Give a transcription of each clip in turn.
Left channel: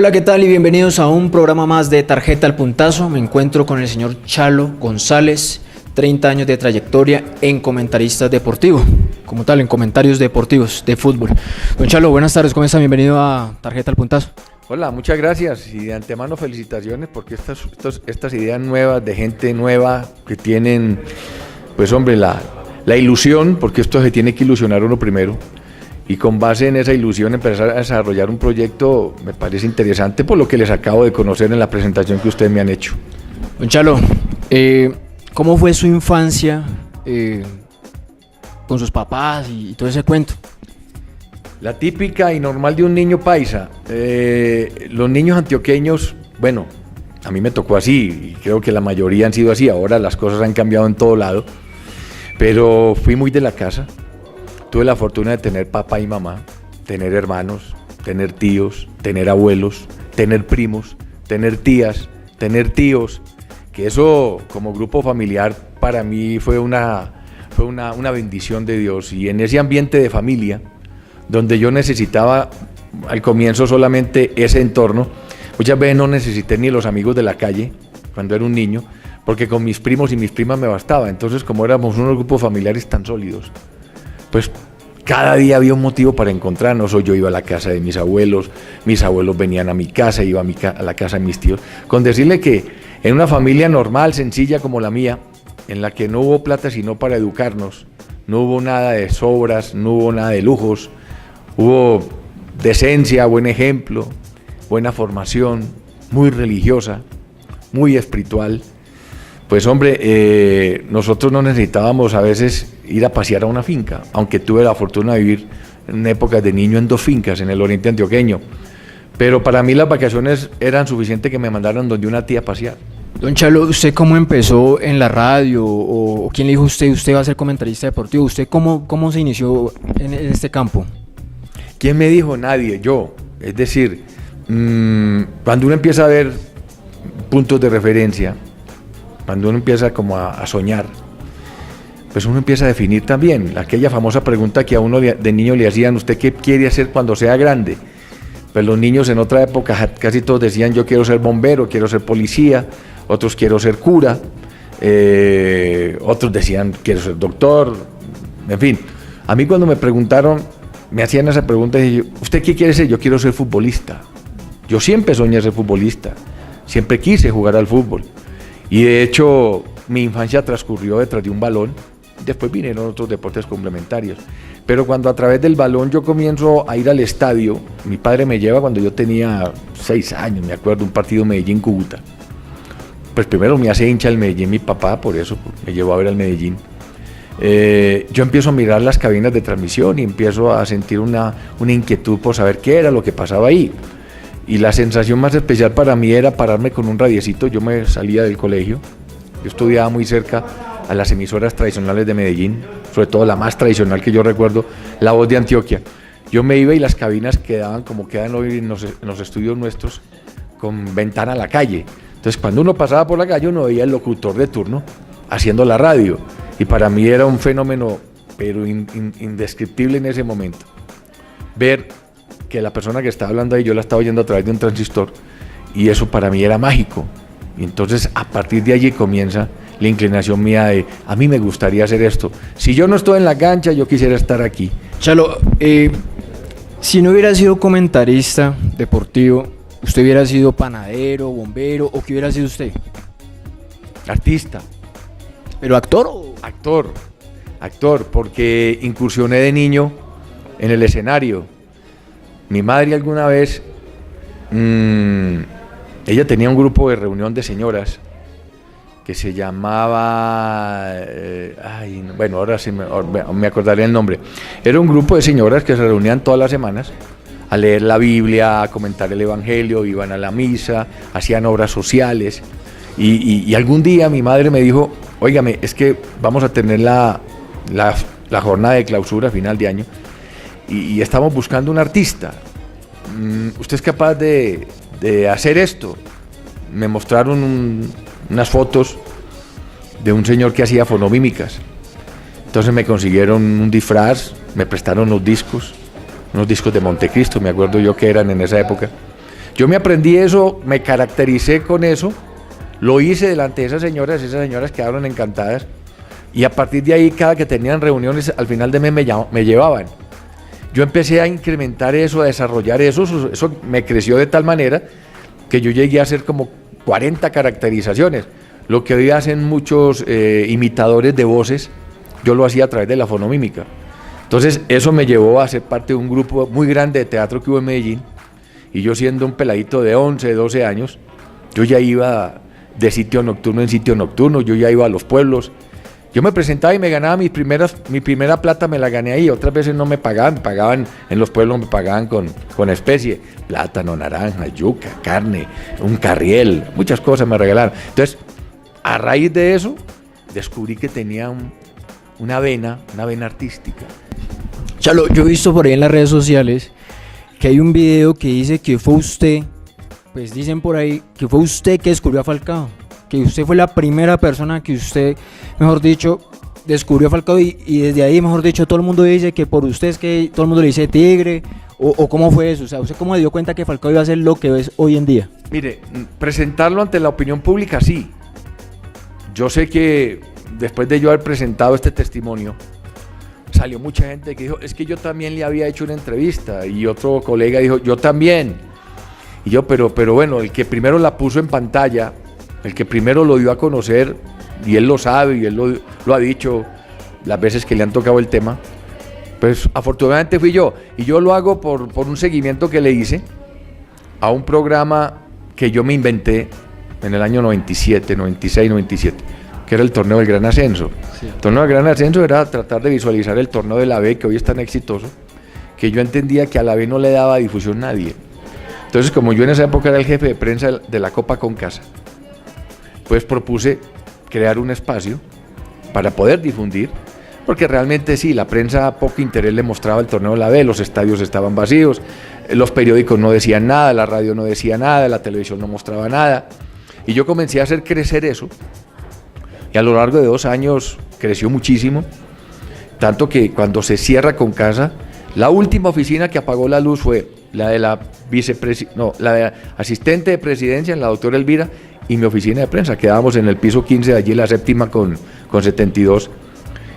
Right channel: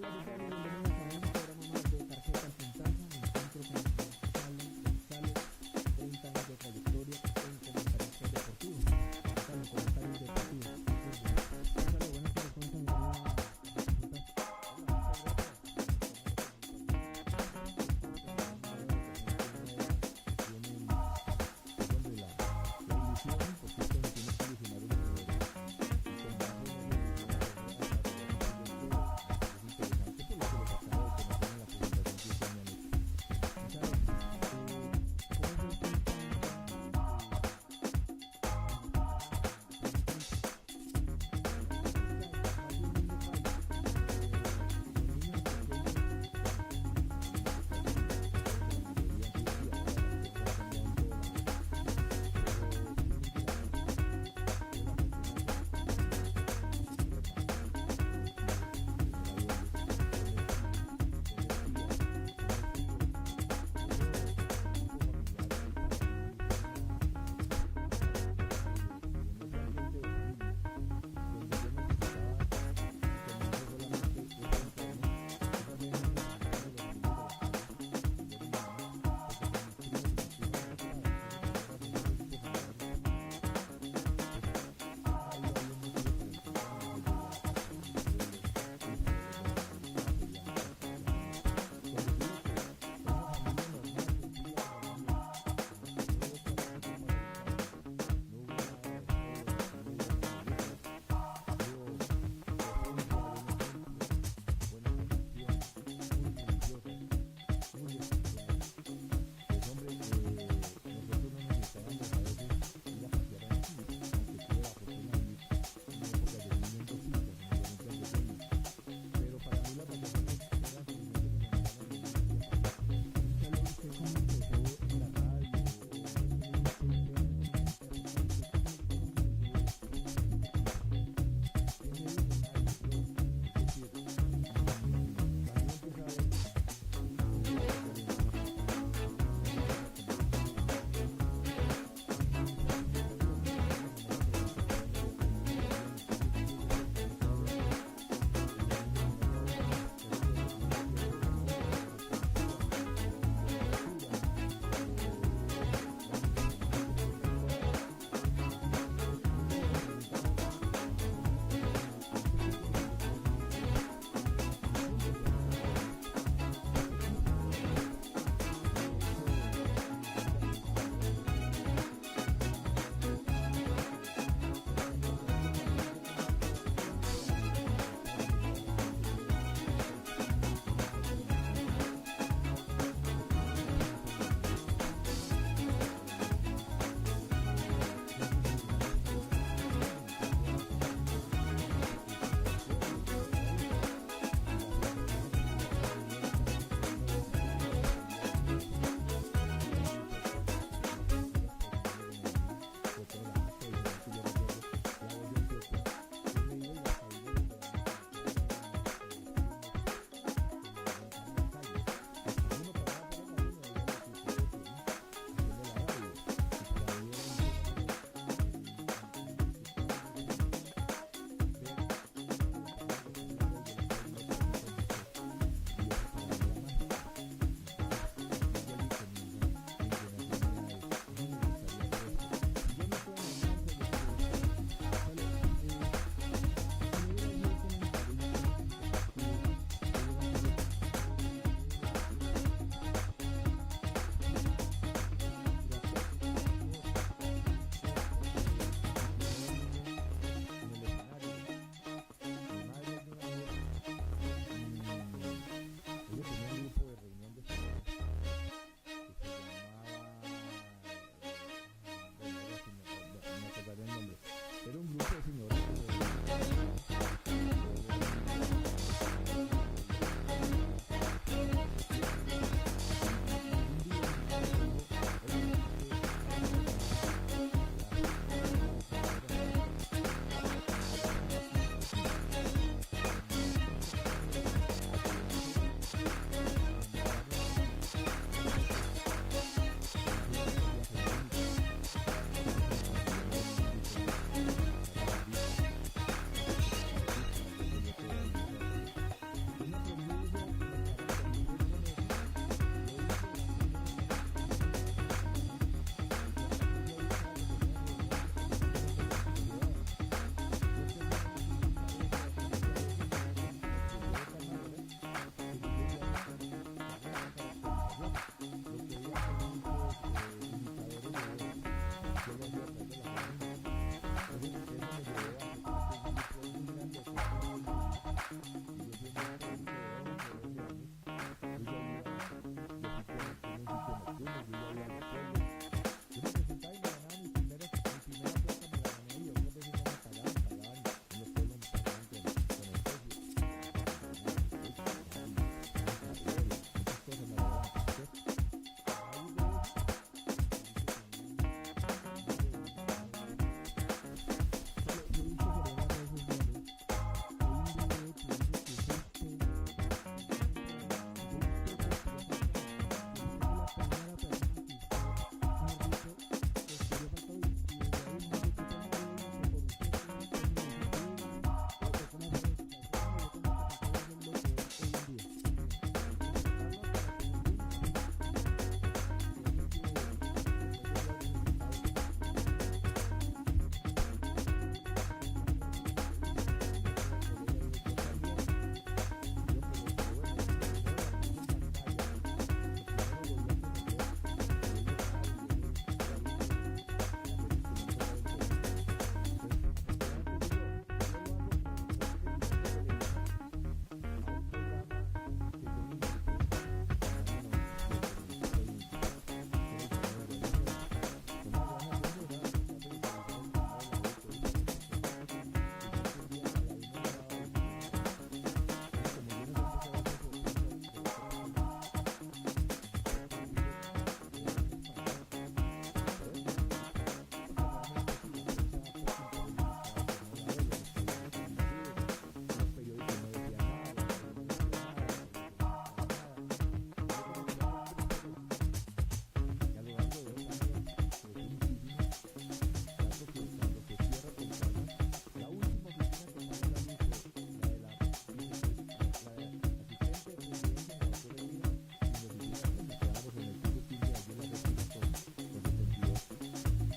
Hola, ¿qué tal? Y bienvenidos a un programa más de Tarjeta al Puntazo. Me encuentro con el señor Chalo González, 30 años de trayectoria en comentarista deportivo, como tal, en comentarios deportivos de fútbol. Don Chalo, buenas tardes, ¿cómo está? Bienvenido a Tarjeta al Puntazo. Hola, muchas gracias y de antemano felicitaciones porque estas ideas nuevas de gente nueva que tienen, pues hombre, la ilusión, porque esto se tiene que ilusionar uno primero, y con base en esa ilusión empezar a desarrollar un proyecto me parece interesante por lo que les acabo de conocer en la presentación que ustedes me han hecho. Don Chalo, ¿cómo fue su infancia con sus papás y todo ese cuento? La típica y normal de un niño paisa. Los niños antioqueños, bueno, a mí me tocó así y creo que la mayoría han sido así. Ahora las cosas han cambiado en todo lado, pero fui muy de la casa. Tuve la fortuna de tener papá y mamá, tener hermanos, tener tíos, tener abuelos, tener primos, tener tías, tener tíos, que eso como grupo familiar para mí fue una bendición de Dios. Y en ese ambiente de familia, donde yo necesitaba al comienzo solamente ese entorno, muchas veces no necesité ni los amigos de la calle cuando era un niño, porque con mis primos y mis primas me bastaba. Entonces, como éramos unos grupos familiares tan sólidos, pues cada día había un motivo para encontrarnos. O yo iba a la casa de mis abuelos venían a mi casa, iba a la casa de mis tíos. Con decirle que en una familia normal, sencilla como la mía, en la que no hubo plata sino para educarnos, no hubo nada de sobras, no hubo nada de lujos, hubo decencia, buen ejemplo, buena formación, muy religiosa, muy espiritual. Pues hombre, nosotros no necesitábamos a veces ir a pasear a una finca, aunque tuve la fortuna de vivir en épocas de niño en 2 fincas en el oriente antioqueño. Pero para mí las vacaciones eran suficientes que me mandaran donde una tía a pasear. Don Chalo, ¿usted cómo empezó en la radio? ¿O quién le dijo a usted va a ser comentarista deportivo? ¿Usted cómo se inició en este campo? ¿Quién me dijo? Nadie, yo. Es decir, cuando uno empieza a ver puntos de referencia, cuando uno empieza como a soñar, pues uno empieza a definir también aquella famosa pregunta que a uno de niño le hacían: ¿usted qué quiere hacer cuando sea grande? Pues los niños en otra época casi todos decían: yo quiero ser bombero, quiero ser policía, otros quiero ser cura, otros decían quiero ser doctor, en fin. A mí cuando me preguntaron, me hacían esa pregunta y yo: ¿usted qué quiere ser? Yo quiero ser futbolista. Yo siempre soñé ser futbolista, siempre quise jugar al fútbol. Y de hecho, mi infancia transcurrió detrás de un balón, después vinieron otros deportes complementarios. Pero cuando a través del balón yo comienzo a ir al estadio, mi padre me lleva cuando yo tenía 6 años, me acuerdo, un partido Medellín-Cúcuta. Pues primero me hace hincha el Medellín mi papá, por eso me llevó a ver al Medellín. Yo empiezo a mirar las cabinas de transmisión y empiezo a sentir una inquietud por saber qué era lo que pasaba ahí. Y la sensación más especial para mí era pararme con un radiecito. Yo me salía del colegio, yo estudiaba muy cerca a las emisoras tradicionales de Medellín, sobre todo la más tradicional que yo recuerdo, La Voz de Antioquia. Yo me iba y las cabinas quedaban como quedan hoy en los estudios nuestros, con ventana a la calle. Entonces cuando uno pasaba por la calle uno veía el locutor de turno haciendo la radio, y para mí era un fenómeno pero indescriptible en ese momento ver que la persona que estaba hablando ahí yo la estaba oyendo a través de un transistor, y eso para mí era mágico. Y entonces a partir de allí comienza la inclinación mía de: a mí me gustaría hacer esto. Si yo no estoy en la cancha, yo quisiera estar aquí. Chalo, si no hubiera sido comentarista deportivo, ¿usted hubiera sido panadero, bombero o qué hubiera sido usted? Artista. ¿Pero actor o...? Actor, porque incursioné de niño en el escenario. Mi madre alguna vez, ella tenía un grupo de reunión de señoras que se llamaba, bueno, ahora sí me acordaré el nombre. Era un grupo de señoras que se reunían todas las semanas a leer la Biblia, a comentar el Evangelio, iban a la misa, hacían obras sociales. Y algún día mi madre me dijo: óigame, es que vamos a tener la jornada de clausura a final de año y estamos buscando un artista. ¿Usted es capaz de hacer esto? Me mostraron unas fotos de un señor que hacía fonomímicas. Entonces me consiguieron un disfraz, me prestaron unos discos de Montecristo, me acuerdo yo que eran en esa época. Yo me aprendí eso, me caractericé con eso, lo hice delante de esas señoras quedaron encantadas y a partir de ahí cada que tenían reuniones al final de mes me llevaban. Yo empecé a incrementar eso, a desarrollar eso me creció de tal manera que yo llegué a hacer como 40 caracterizaciones. Lo que hoy hacen muchos imitadores de voces, yo lo hacía a través de la fonomímica. Entonces eso me llevó a ser parte de un grupo muy grande de teatro que hubo en Medellín y yo siendo un peladito de 11, 12 años, yo ya iba de sitio nocturno en sitio nocturno, yo ya iba a los pueblos. Yo me presentaba y me ganaba mi primera plata, me la gané ahí. Otras veces no me pagaban en los pueblos, me pagaban con especie, plátano, naranja, yuca, carne, un carriel, muchas cosas me regalaron. Entonces, a raíz de eso, descubrí que tenía una vena artística. Chalo, yo he visto por ahí en las redes sociales que hay un video que dice que fue usted, pues dicen por ahí que fue usted que descubrió a Falcao, que usted fue la primera persona que usted, mejor dicho, descubrió a Falcao y desde ahí, mejor dicho, todo el mundo dice que por usted es que todo el mundo le dice Tigre, o cómo fue eso, o sea, ¿usted cómo se dio cuenta que Falcao iba a ser lo que es hoy en día? Mire, presentarlo ante la opinión pública, sí. Yo sé que después de yo haber presentado este testimonio, salió mucha gente que dijo, es que yo también le había hecho una entrevista, y otro colega dijo, yo también. Y yo, pero bueno, el que primero la puso en pantalla, el que primero lo dio a conocer, y él lo sabe, y él lo ha dicho las veces que le han tocado el tema, pues afortunadamente fui yo. Y yo lo hago por un seguimiento que le hice a un programa que yo me inventé en el año 97, 96, 97, que era el Torneo del Gran Ascenso. Sí. El Torneo del Gran Ascenso era tratar de visualizar el torneo de la B, que hoy es tan exitoso, que yo entendía que a la B no le daba difusión nadie. Entonces, como yo en esa época era el jefe de prensa de la Copa Concasa, pues propuse crear un espacio para poder difundir, porque realmente sí, la prensa poco interés le mostraba el torneo de la B, los estadios estaban vacíos, los periódicos no decían nada, la radio no decía nada, la televisión no mostraba nada, y yo comencé a hacer crecer eso, y a lo largo de 2 años creció muchísimo, tanto que cuando se cierra Concasa, la última oficina que apagó la luz fue la de la la de asistente de presidencia, la doctora Elvira, y mi oficina de prensa. Quedábamos en el piso 15, allí en la séptima con 72.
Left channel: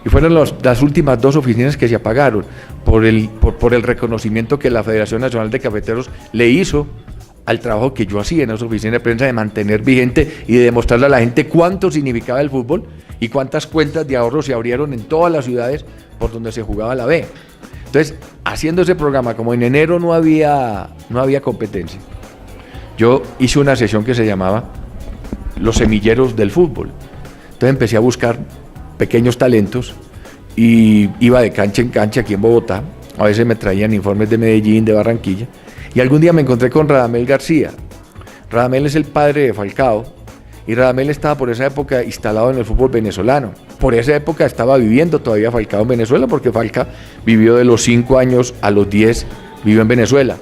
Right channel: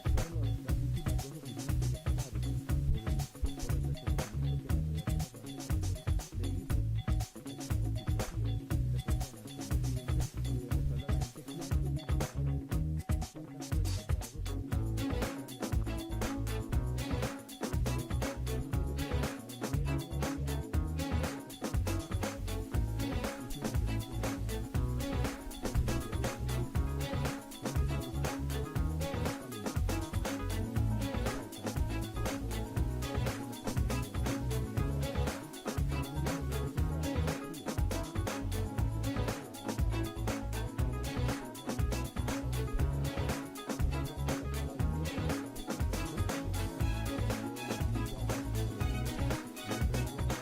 Y fueron las últimas 2 oficinas que se apagaron por el reconocimiento que la Federación Nacional de Cafeteros le hizo al trabajo que yo hacía en esa oficina de prensa de mantener vigente y de demostrarle a la gente cuánto significaba el fútbol y cuántas cuentas de ahorro se abrieron en todas las ciudades por donde se jugaba la B. Entonces, haciendo ese programa, como en enero no había competencia, yo hice una sesión que se llamaba Los Semilleros del Fútbol. Entonces empecé a buscar pequeños talentos y iba de cancha en cancha aquí en Bogotá. A veces me traían informes de Medellín, de Barranquilla. Y algún día me encontré con Radamel García. Radamel es el padre de Falcao y Radamel estaba por esa época instalado en el fútbol venezolano. Por esa época estaba viviendo todavía Falcao en Venezuela, porque Falcao vivió de los 5 años a los 10, vivió en Venezuela.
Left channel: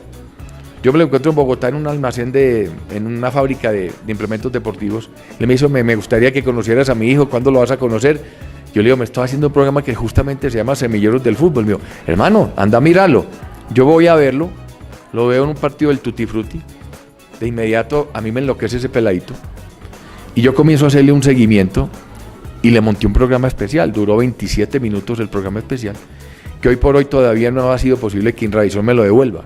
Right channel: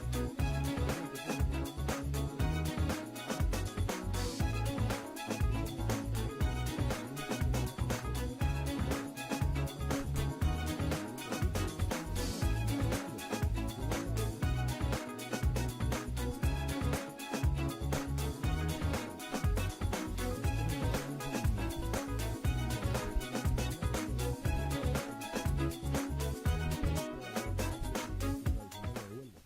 Yo me lo encuentro en Bogotá en un almacén, en una fábrica de implementos deportivos. Él me dijo, me gustaría que conocieras a mi hijo, ¿cuándo lo vas a conocer? Yo le digo, me estaba haciendo un programa que justamente se llama Semilleros del Fútbol. Me dijo, hermano, anda a mirarlo. Yo voy a verlo, lo veo en un partido del Tutti Frutti. De inmediato a mí me enloquece ese peladito. Y yo comienzo a hacerle un seguimiento y le monté un programa especial. Duró 27 minutos el programa especial, que hoy por hoy todavía no ha sido posible que Inravisión me lo devuelva.